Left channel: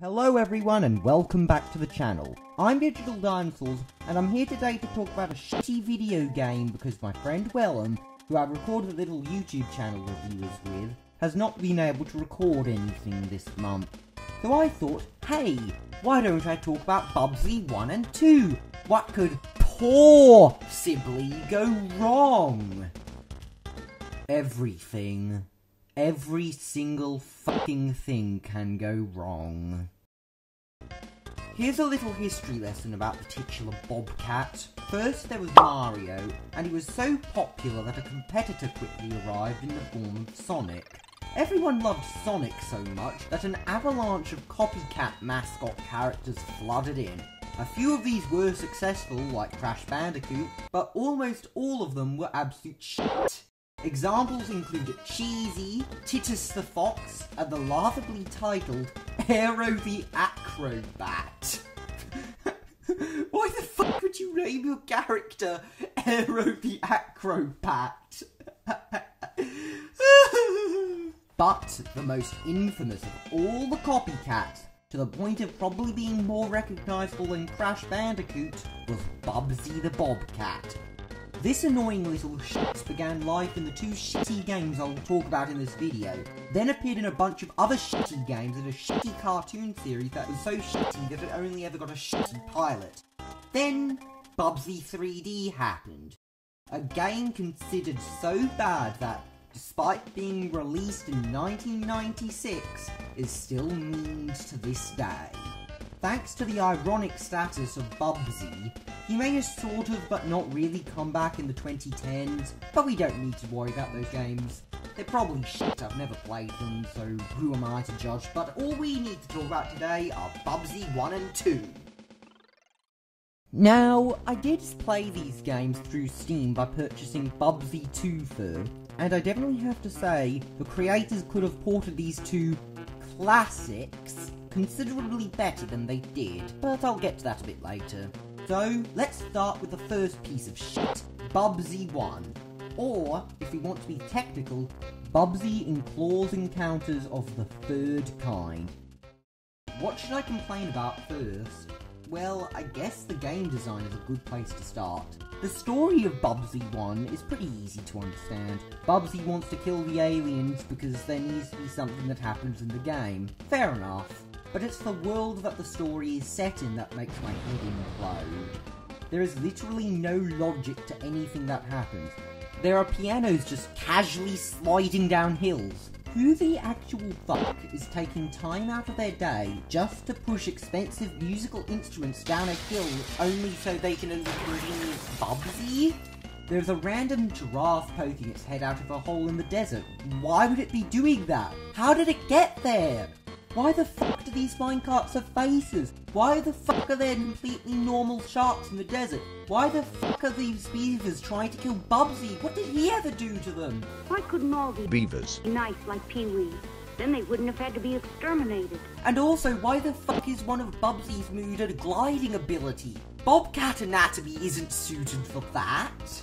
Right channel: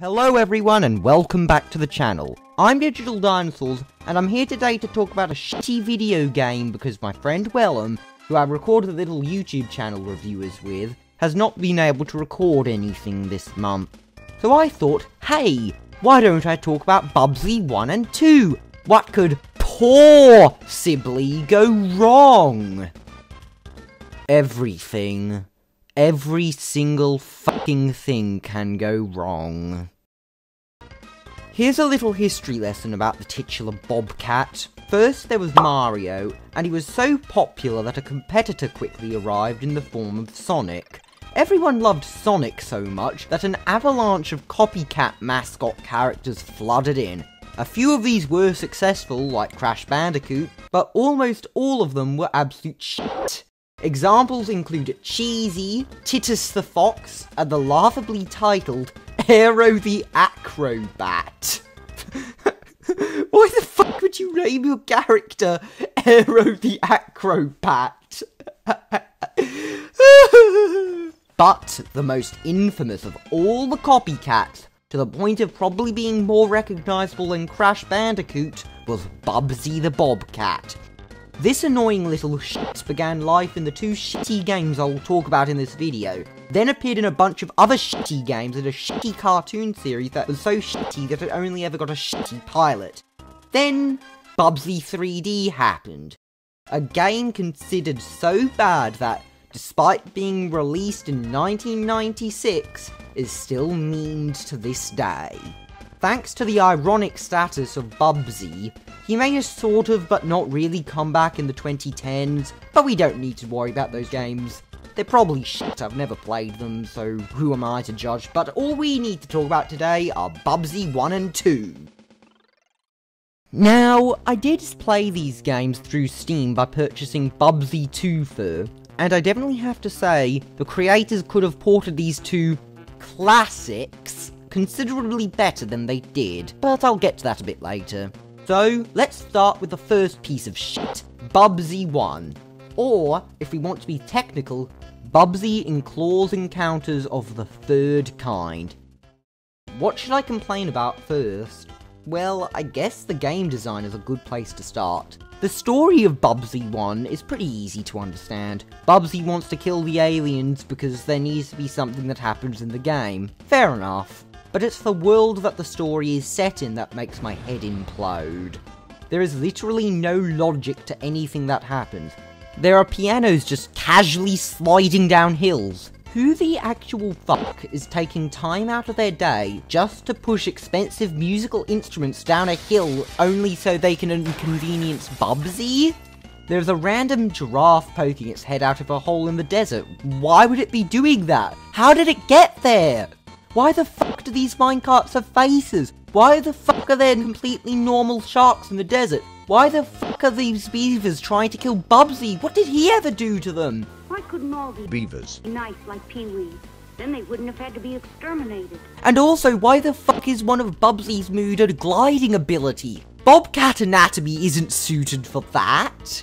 Hello everyone and welcome back to the channel. I'm Digital Dinosaurs and I'm here today to talk about a shitty video game because my friend Wellham, who I recorded a little YouTube channel reviews with, has not been able to record anything this month. So I thought, hey, why don't I talk about Bubsy 1 and 2? What could possibly go wrong? Everything. Every single fucking thing can go wrong. Here's a little history lesson about the titular Bobcat. First there was Mario, and he was so popular that a competitor quickly arrived in the form of Sonic. Everyone loved Sonic so much that an avalanche of copycat mascot characters flooded in. A few of these were successful, like Crash Bandicoot, but almost all of them were absolute shit. Examples include Cheesy, Titus the Fox, and the laughably titled Aero the Acrobat. Why the fuck would you name your character Aero the Acrobat? But the most infamous of all the copycats, to the point of probably being more recognisable than Crash Bandicoot, was Bubsy the Bobcat. This annoying little shit began life in the two shitty games I will talk about in this video, then appeared in a bunch of other shitty games and a shitty cartoon series that was so shitty that it only ever got a shitty pilot. Then, Bubsy 3D happened. A game considered so bad that, despite being released in 1996, is still memed to this day. Thanks to the ironic status of Bubsy, he may have sort of but not really come back in the 2010s, but we don't need to worry about those games. They're probably shit, I've never played them, so who am I to judge, but all we need to talk about today are Bubsy 1 and 2. Now, I did play these games through Steam by purchasing Bubsy 2 first, and I definitely have to say, the creators could have ported these two classics considerably better than they did, but I'll get to that a bit later. So, let's start with the first piece of shit, Bubsy 1. Or, if we want to be technical, Bubsy in Claws Encounters of the Third Kind. What should I complain about first? Well, I guess the game design is a good place to start. The story of Bubsy 1 is pretty easy to understand. Bubsy wants to kill the aliens because there needs to be something that happens in the game. Fair enough. But it's the world that the story is set in that makes my head implode. There is literally no logic to anything that happens. There are pianos just casually sliding down hills. Who the actual fuck is taking time out of their day just to push expensive musical instruments down a hill only so they can inconvenience Bubsy? There's a random giraffe poking its head out of a hole in the desert. Why would it be doing that? How did it get there? Why the fuck do these minecarts have faces? Why the fuck are there completely normal sharks in the desert? Why the fuck are these beavers trying to kill Bubsy? What did he ever do to them? Why couldn't all these beavers be nice like Pee-wee? Then they wouldn't have had to be exterminated. And also, why the fuck is one of Bubsy's mood a gliding ability? Bobcat anatomy isn't suited for that.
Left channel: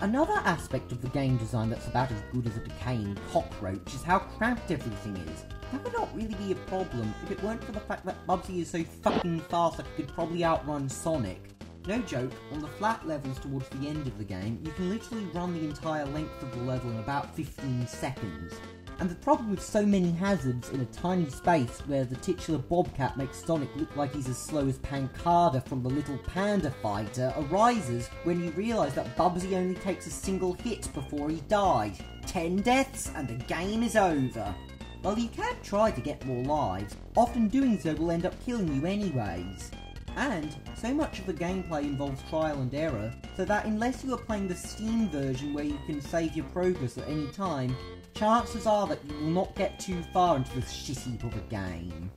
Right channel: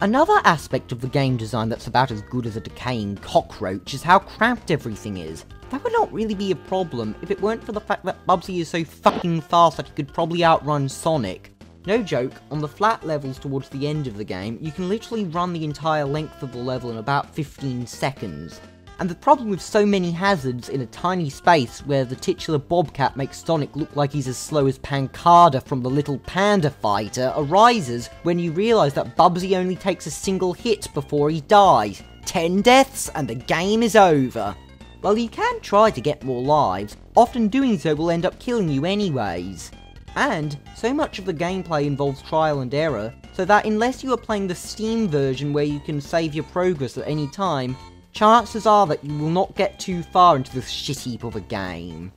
Another aspect of the game design that's about as good as a decaying cockroach is how cramped everything is. That would not really be a problem if it weren't for the fact that Bubsy is so fucking fast that he could probably outrun Sonic. No joke, on the flat levels towards the end of the game, you can literally run the entire length of the level in about 15 seconds. And the problem with so many hazards in a tiny space where the titular Bobcat makes Sonic look like he's as slow as Pancada from the Little Panda Fighter arises when you realise that Bubsy only takes a single hit before he dies. 10 deaths and the game is over. Well, you can try to get more lives, often doing so will end up killing you anyways. And so much of the gameplay involves trial and error, so that unless you are playing the Steam version where you can save your progress at any time, chances are that you will not get too far into this shit heap of a game.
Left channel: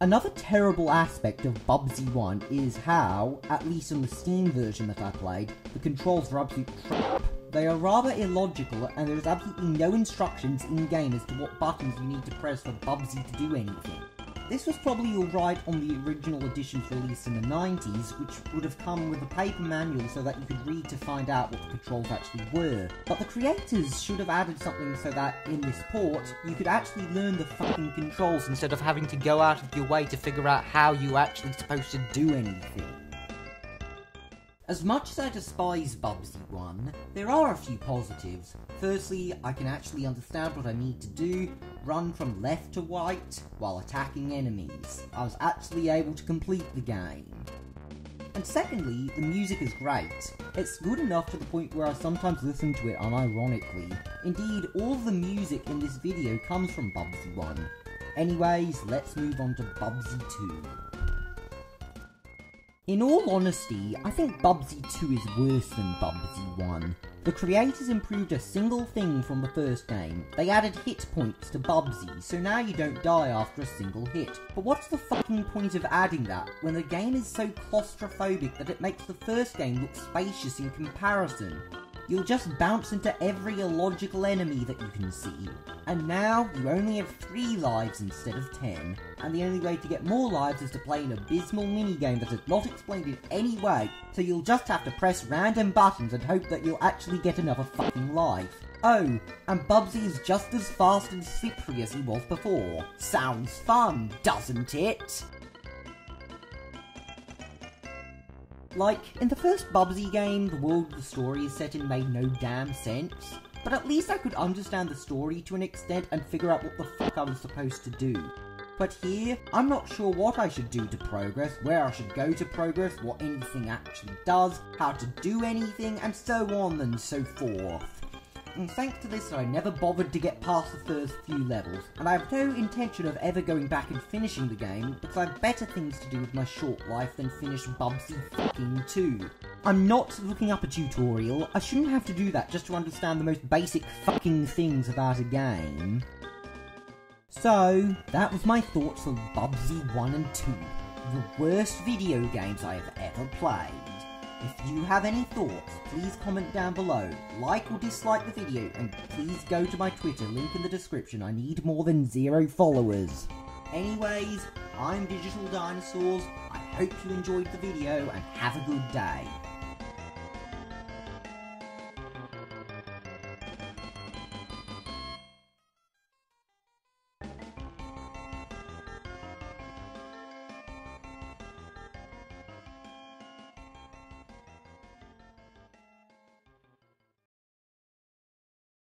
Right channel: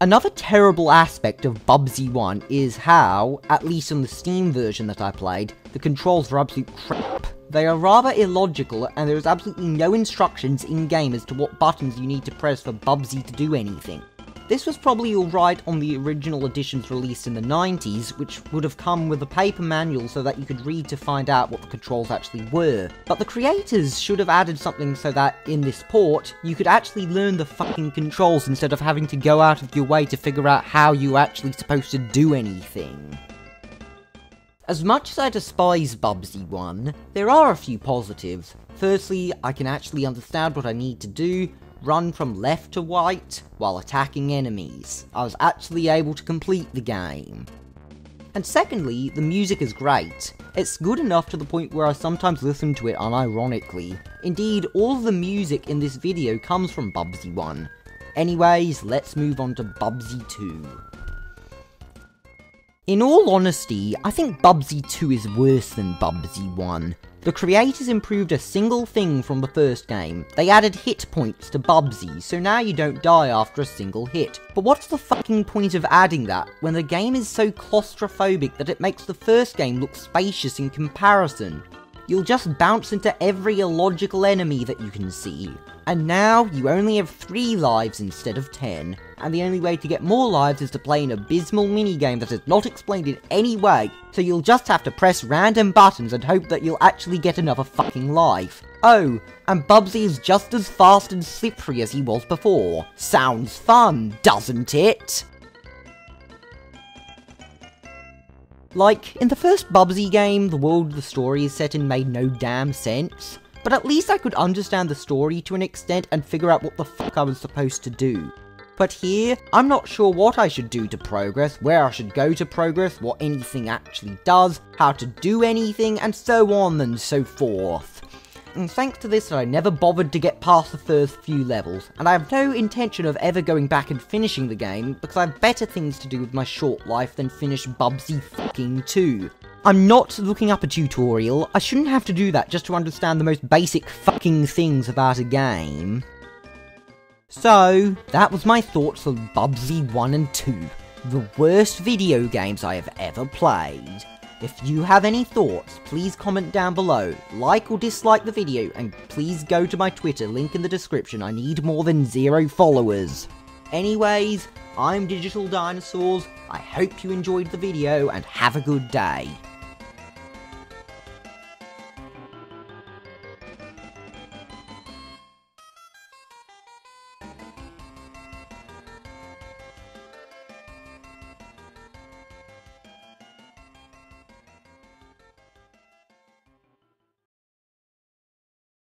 Another terrible aspect of Bubsy 1 is how, at least on the Steam version that I played, the controls are absolute crap. They are rather illogical, and there is absolutely no instructions in-game as to what buttons you need to press for Bubsy to do anything. This was probably alright on the original editions released in the 90s, which would have come with a paper manual so that you could read to find out what the controls actually were. But the creators should have added something so that, in this port, you could actually learn the fucking controls instead of having to go out of your way to figure out how you're actually supposed to do anything. As much as I despise Bubsy 1, there are a few positives. Firstly, I can actually understand what I need to do, run from left to right while attacking enemies. I was actually able to complete the game. And secondly, the music is great. It's good enough to the point where I sometimes listen to it unironically. Indeed, all of the music in this video comes from Bubsy 1. Anyways, let's move on to Bubsy 2. In all honesty, I think Bubsy 2 is worse than Bubsy 1. The creators improved a single thing from the first game. They added hit points to Bubsy, so now you don't die after a single hit. But what's the fucking point of adding that, when the game is so claustrophobic that it makes the first game look spacious in comparison? You'll just bounce into every illogical enemy that you can see. And now, you only have 3 lives instead of 10, and the only way to get more lives is to play an abysmal minigame that is not explained in any way, so you'll just have to press random buttons and hope that you'll actually get another fucking life. Oh, and Bubsy is just as fast and slippery as he was before. Sounds fun, doesn't it? Like, in the first Bubsy game, the world the story is set in made no damn sense, but at least I could understand the story to an extent and figure out what the fuck I was supposed to do. But here, I'm not sure what I should do to progress, where I should go to progress, what anything actually does, how to do anything, and so on and so forth. And thanks to this, I never bothered to get past the first few levels, and I have no intention of ever going back and finishing the game, because I have better things to do with my short life than finish Bubsy fucking 2. I'm not looking up a tutorial, I shouldn't have to do that just to understand the most basic fucking things about a game. So, that was my thoughts on Bubsy 1 and 2, the worst video games I have ever played. If you have any thoughts, please comment down below, like or dislike the video, and please go to my Twitter, link in the description. I need more than 0 followers. Anyways, I'm Digital Dinosaurs, I hope you enjoyed the video, and have a good day.